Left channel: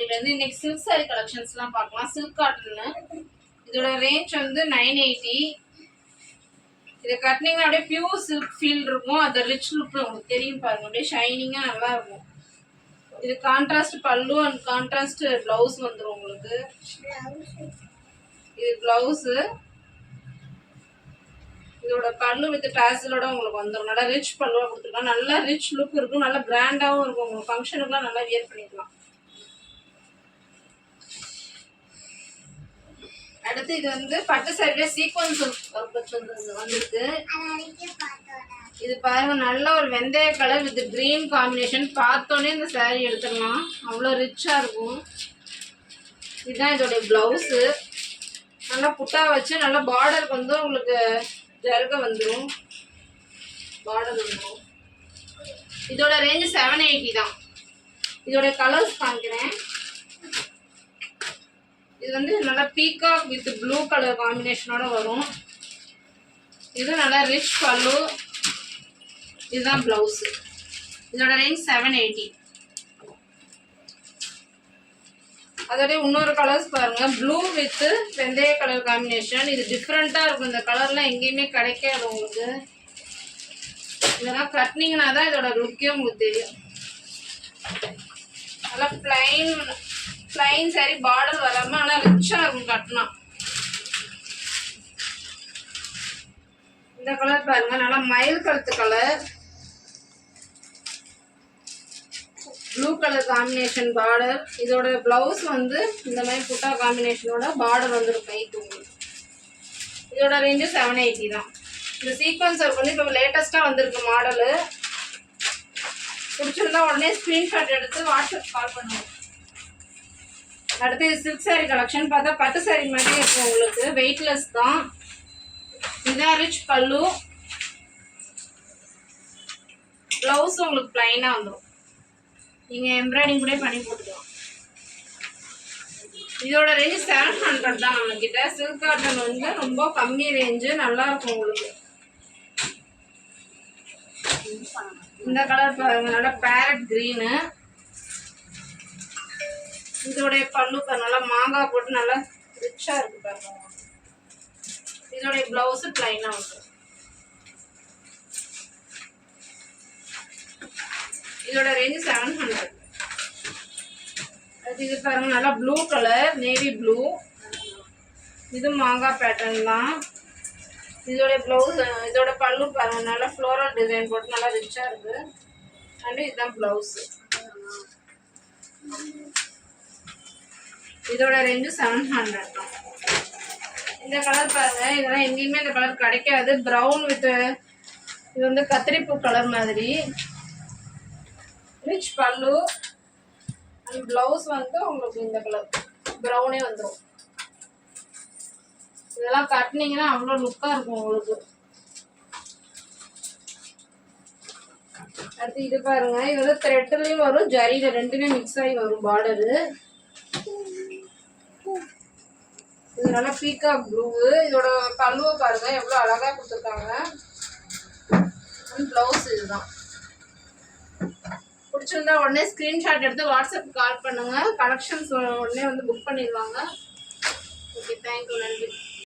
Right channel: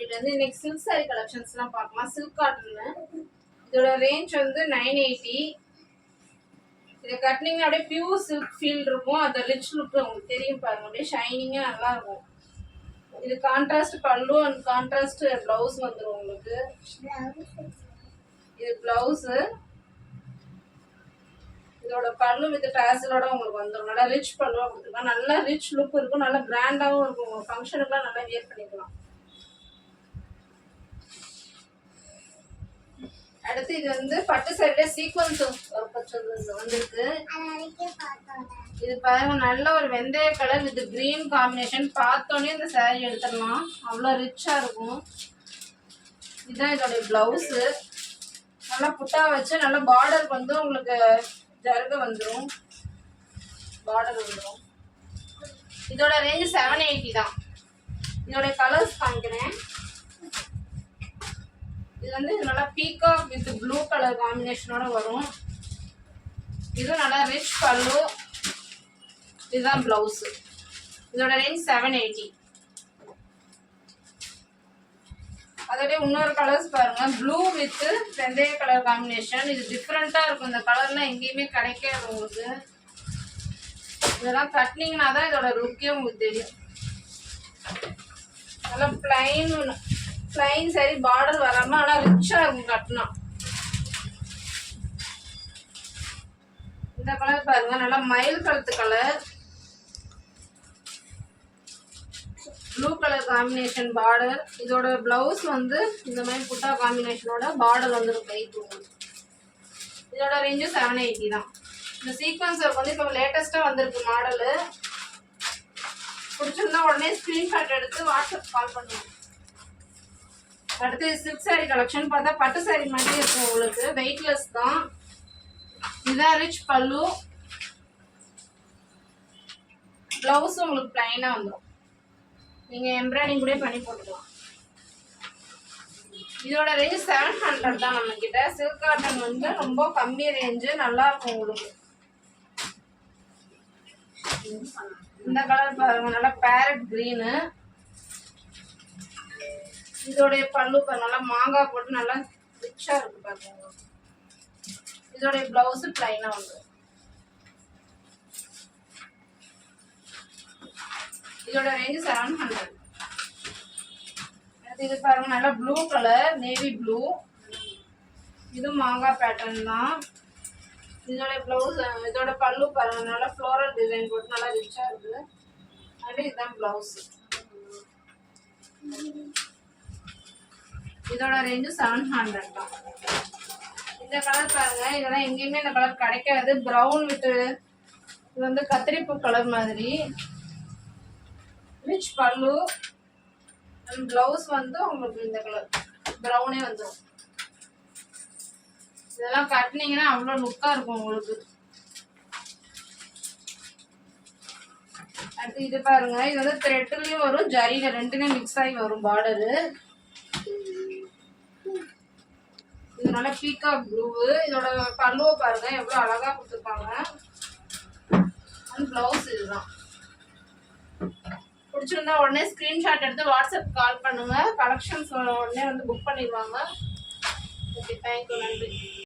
பட்டிலேருந்து இன்னைக்கு silk sorry கலெக்ஷன்ஸ்லாம் பார்க்கலாம். சில்க் காட்டன்னு இதோட ரேஞ்ச் வந்து 980. இதை கட்டினீங்கன்னா அப்படியே பியூர் சில்க் ஃபீல் இருக்கும். அது ரிச் லுக் உங்களுக்கு தெரியும் பாருங்க, அப்படியே ஷைனிங்காக நல்லா இருக்கும். இது கான்ட்ராஸ்ட் பல்லு அண்ட் கான்ட்ராஸ்ட் பிளவுஸ் வந்துடும் உங்களுக்கு. இது பிளவுஸு, இதோட பல்லு வித் டாசலோட உங்களுக்கு வந்துடும். நல்லா ரிச் பல்லுவாக கொடுத்துருக்கலாம். நல்லா ரிச் லுக் இருக்கும், நல்லா கிராண்டாகவும் இருக்கும். உங்களுக்கு ஃபங்க்ஷனுக்குலாம் நல்லா வியர் பண்ணிக்கலாம். அடுத்து இது வந்து பட்டு சாரியில சீக்வன்ஸ் வந்திருக்கு. இது பாருங்க, நல்ல ஒரு வெந்தய கலர் வித் கிரீன் காம்பினேஷன். பார்த்தோன்னே இந்த சாரி எடுத்துடலாம், அவ்வளோ ரிச்சா இருக்கும். இதுதான் இதோடைய பிளவுஸு. நல்லா புட்டா வச்சு நல்லா பார்டருக்கு வந்து உங்களுக்கு ஜருக வந்துடும், பார்டர் வந்துடும். இதோட ரேஞ்சு 780 தான். இதோட கலர்ஸ் காமிக்கிறேன். இது வந்து நல்லா பீகாக் வித் ப்ளூ கலர் காம்பினேஷனோட வரும். இது நல்லா ரிச் பல்லு. இதுதான் பிளவுஸ். இதோட ரேஞ்ச் 780. அதோட இன்னொரு கலர்ஸ் பாருங்க, ப்ளூ வித் வெந்தய கலர் காம்பினேஷன். இது டிஃப்ரெண்டா இருக்கும். இந்த கலர்லாம் எங்கேயுமே கிடைக்காது உங்களுக்கு. இதெல்லாம் கட்டினீங்கன்னா தான் இதோட லுக்கே உங்களுக்கு தெரியும். நல்லா பிளைன் சாரி, பார்டர் வராம நல்லா ரிச்சா இருக்கும் கட்டினா. இந்த கலர் பாருங்க, நல்லா மயில் கழுத்து colour, blue colour combination border. இதோட பிளவுஸ் வந்து இந்த மாதிரி புட்டா காம்பினேஷனோட பார்டர் வந்துடும் கைக்கு உங்களுக்கு. இதோட ரேஞ்சு 780 தான். இந்த சீக்வன்ஸ் ஒர்க் வந்து இப்போ லேட்டஸ்ட்டாக வந்திருக்கு மாடலு. பிடிச்சிருந்தா உடனே ஸ்க்ரீன்ஷாட் எடுத்து வாட்ஸ்அப் கால் பண்ணுவோம். அடுத்து சில்க் சாரி கலெக்ஷன் பார்த்தா பட்டு சாரி மாதிரி இருக்கும் உங்களுக்கு, வெயிட்லெஸ் தான். இதுதான் ரிச் பல்லு. பிளவுஸ் உங்களுக்கு பிளைனாக வந்துடும். நீங்கள் எம்ப்ராய்டிங் கூட பண்ணி போட்டுக்கலாம். இதோட ரேஞ்ச் 700 தான் நம்ம கிட்ட. சில்க் காட்டன் வந்து ரொம்ப கம்மி ரேஞ்சு, நல்லா இருக்கும் உங்களுக்கு. இந்த கலர் பாருங்க, நல்லா பேரட் கிரீனு. இதோடைய பல்லு நல்லா மாங்காய் போட்டு நல்லா ரிச்சா இருக்கு பாருங்க. இதோடைய பிளவுஸ் பிளைனா வந்துடும். இதோட ரேஞ்சு 700. இது பாருங்க, நல்லா ப்ளூ கலர், நேவி ப்ளூ. இது மாங்காய் பேட்டர்ன் தான். இதோட பிளவுஸ், இதோட பல்லு பாருங்க, நல்லா ஃப்ளோரல் டிசைன் போட்டு நல்லா ரிச்சா இருக்கு. அண்ட் இதுதான் பிளவுஸ். இதோட ரேஞ்சு 700 தான். இந்த கலர் பாருங்க, இதெல்லாம் எங்கேயுமே இந்த கலர் கிடைக்காது. ப்ரௌன் வித் இது வந்து கத்திரிப்பூ கலர் மாதிரி. ரிச் பல்லு அண்ட் பிளவுஸ் வந்து உங்களுக்கு இந்த கலர் ப்ரௌனே வந்துடும். இதெல்லாம் கட்டினீங்கன்னா அவ்வளோ லுக்காக இருக்கும் உங்களுக்கு. அடுத்து இது பாருங்க, இது வந்து த்ரெட்லேயும் வரும், ஜரிகை ரெண்டுமே மிக்ஸ் ஆகி வரும் பார்டரு. இது நல்லா பீகாக் ப்ளூ. இதோட பல்லுவை பாருங்க எவ்வளோ அழகாக கொடுத்துருக்காங்க. அண்ட் பிளவுஸ் இதுதான். பிடிச்சிருந்தா உடனே ஸ்க்ரீன்ஷாட் எடுத்து வாட்ஸ்அப் கால் பண்ணுங்க. கலெக்ஷன்ஸ் உடனே வந்து புக் பண்ணிடுவாங்க. ஓகே, தேங்க்யூ, நன்றி.